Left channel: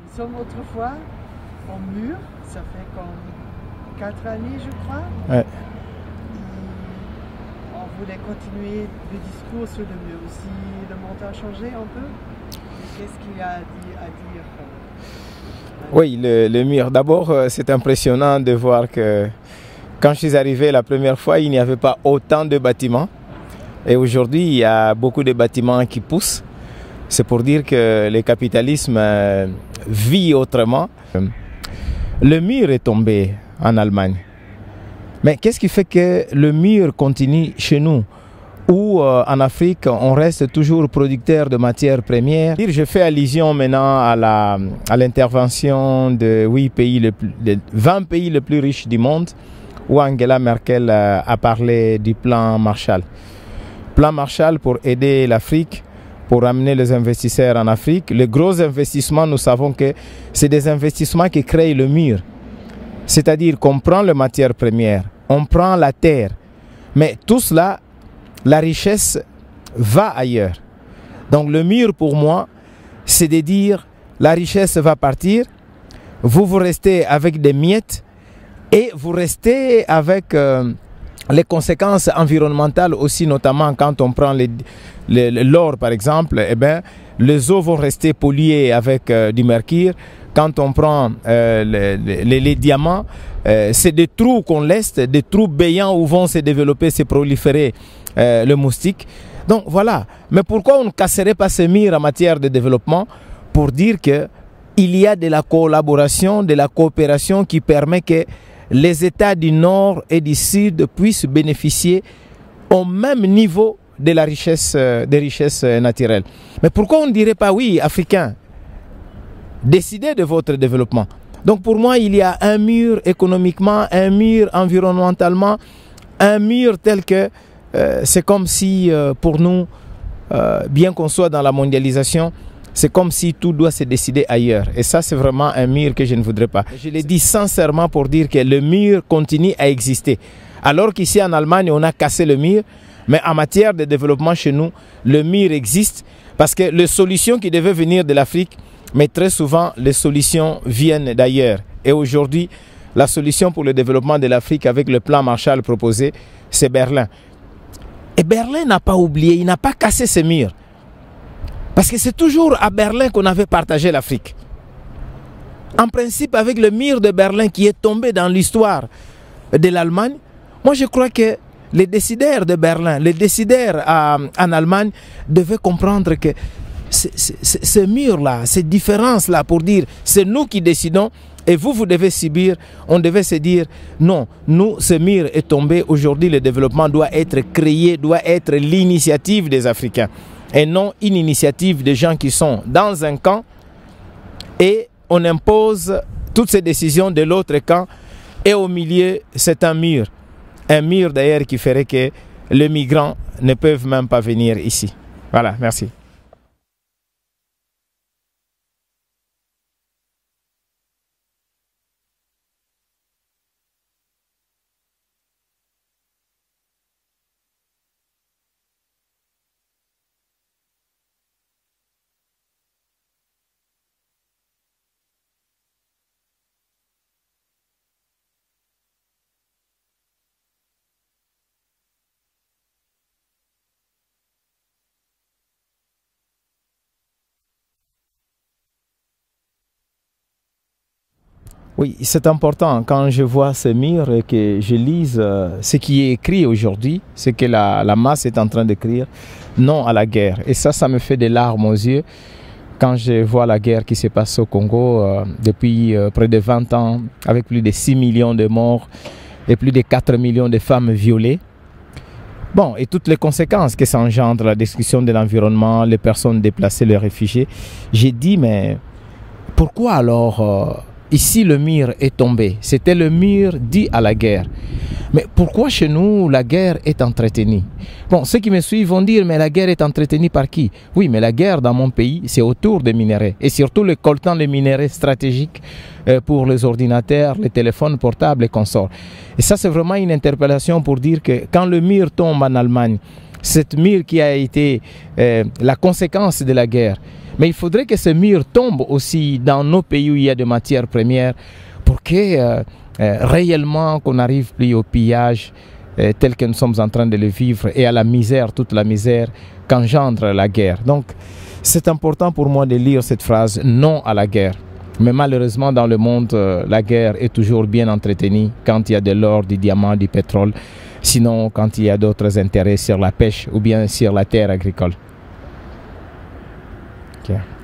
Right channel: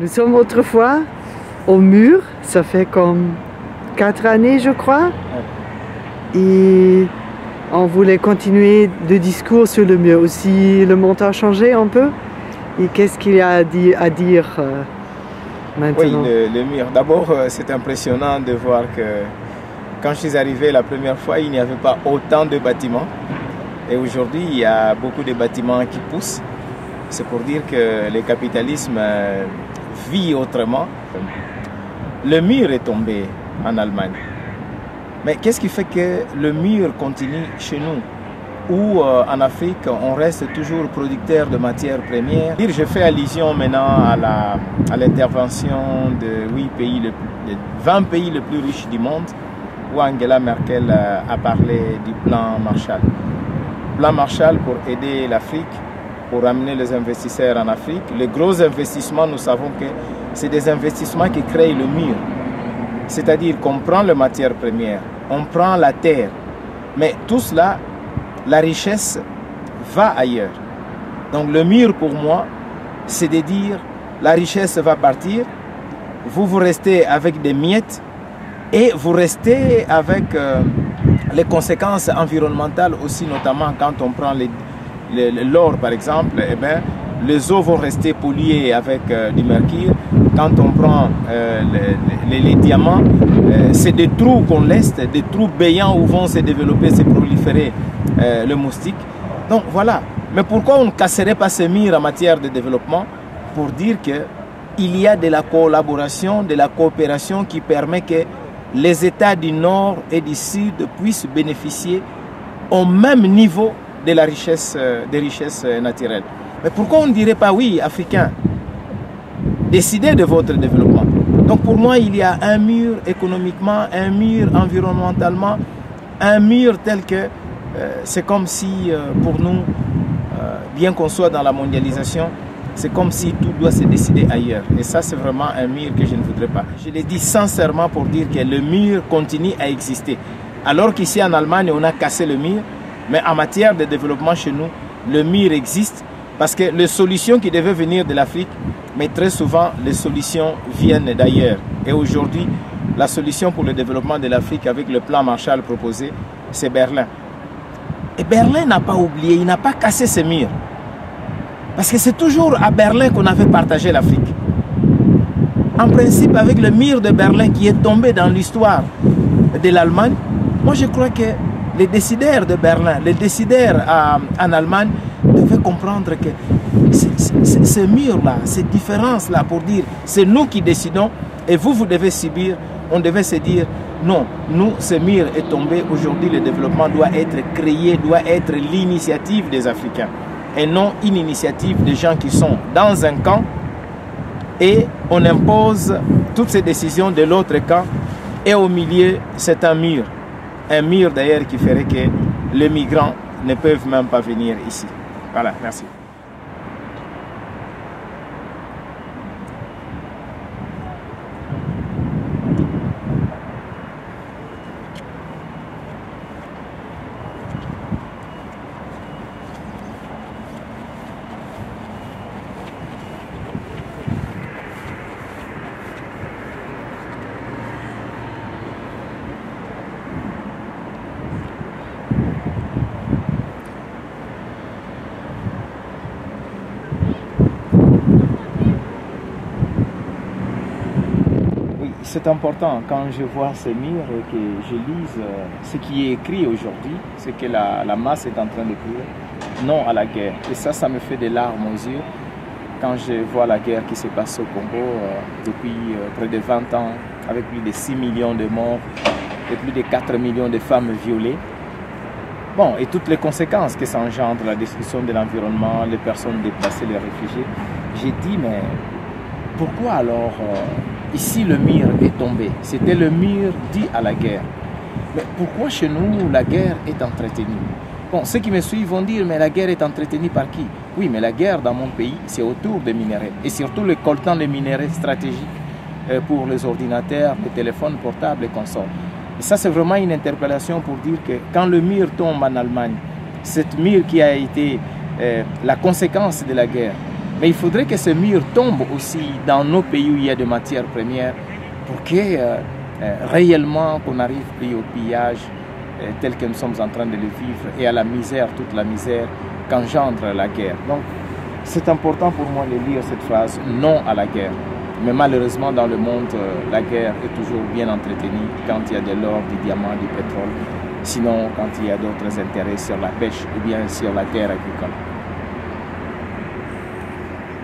Nous sommes autrefois au mur, ça fait comme 4 années je crois. Ouais. Et on voulait continuer le discours sur le mur. Aussi, le monde a changé un peu. Et qu'est-ce qu'il y a à dire maintenant? Oui, le mur. D'abord, c'est impressionnant de voir que quand je suis arrivé la première fois, il n'y avait pas autant de bâtiments. Et aujourd'hui, il y a beaucoup de bâtiments qui poussent. C'est pour dire que le capitalisme vit autrement. Le mur est tombé en Allemagne. Mais qu'est-ce qui fait que le mur continue chez nous? Ou en Afrique, on reste toujours producteur de matières premières. Je fais allusion maintenant à l'intervention de 20 pays les plus riches du monde, où Angela Merkel a parlé du plan Marshall. Plan Marshall pour aider l'Afrique, pour amener les investisseurs en Afrique. Les gros investissements, nous savons que c'est des investissements qui créent le mur. C'est-à-dire qu'on prend les matières premières, on prend la terre, mais tout cela, la richesse va ailleurs. Donc le mur pour moi, c'est de dire la richesse va partir, vous restez avec des miettes et vous restez avec les conséquences environnementales aussi, notamment quand on prend l'or par exemple, eh bien, les eaux vont rester polluées avec du mercure. Quand on prend les diamants, c'est des trous qu'on laisse, des trous béants où vont se développer, se proliférer le moustique. Donc voilà. Mais pourquoi on ne casserait pas ces murs en matière de développement? Pour dire qu'il y a de la collaboration, de la coopération qui permet que les États du Nord et du Sud puissent bénéficier au même niveau de la richesse, des richesses naturelles. Mais pourquoi on ne dirait pas, oui, Africains, décidez de votre développement. Donc pour moi, il y a un mur économiquement, un mur environnementalement, un mur tel que c'est comme si pour nous, bien qu'on soit dans la mondialisation, c'est comme si tout doit se décider ailleurs. Et ça, c'est vraiment un mur que je ne voudrais pas. Je l'ai dit sincèrement pour dire que le mur continue à exister. Alors qu'ici en Allemagne, on a cassé le mur, mais en matière de développement chez nous, le mur existe. Parce que les solutions qui devaient venir de l'Afrique, mais très souvent, les solutions viennent d'ailleurs. Et aujourd'hui, la solution pour le développement de l'Afrique avec le plan Marshall proposé, c'est Berlin. Et Berlin n'a pas oublié, il n'a pas cassé ses murs. Parce que c'est toujours à Berlin qu'on avait partagé l'Afrique. En principe, avec le mur de Berlin qui est tombé dans l'histoire de l'Allemagne, moi je crois que les décideurs de Berlin, les décideurs en Allemagne devaient comprendre que ces murs-là, ces différences-là pour dire c'est nous qui décidons et vous devez subir, on devait se dire non, nous, ce mur est tombé, aujourd'hui le développement doit être créé, doit être l'initiative des Africains et non une initiative des gens qui sont dans un camp et on impose toutes ces décisions de l'autre camp et au milieu c'est un mur. Un mur d'ailleurs qui ferait que les migrants ne peuvent même pas venir ici. Voilà, merci. Oui, c'est important quand je vois ces murs que je lise ce qui est écrit aujourd'hui, ce que la masse est en train d'écrire, non à la guerre. Et ça me fait des larmes aux yeux quand je vois la guerre qui se passe au Congo depuis près de 20 ans, avec plus de 6 millions de morts et plus de 4 millions de femmes violées. Bon, et toutes les conséquences que ça engendre, la destruction de l'environnement, les personnes déplacées, les réfugiés. J'ai dit, mais pourquoi alors ici le mur est tombé? C'était le mur dit à la guerre. Mais pourquoi chez nous la guerre est entretenue? Bon, ceux qui me suivent vont dire, mais la guerre est entretenue par qui? Oui, mais la guerre dans mon pays, c'est autour des minerais. Et surtout le coltan des minerais stratégiques pour les ordinateurs, les téléphones portables et consorts. Et ça, c'est vraiment une interpellation pour dire que quand le mur tombe en Allemagne, cette mur qui a été la conséquence de la guerre, Mais il faudrait que ce mur tombe aussi dans nos pays où il y a des matières premières pour que réellement qu'on n'arrive plus au pillage tel que nous sommes en train de le vivre et à la misère, toute la misère qu'engendre la guerre. Donc c'est important pour moi de lire cette phrase, non à la guerre. Mais malheureusement dans le monde, la guerre est toujours bien entretenue quand il y a de l'or, du diamant, du pétrole. Sinon quand il y a d'autres intérêts sur la pêche ou bien sur la terre agricole. Okay.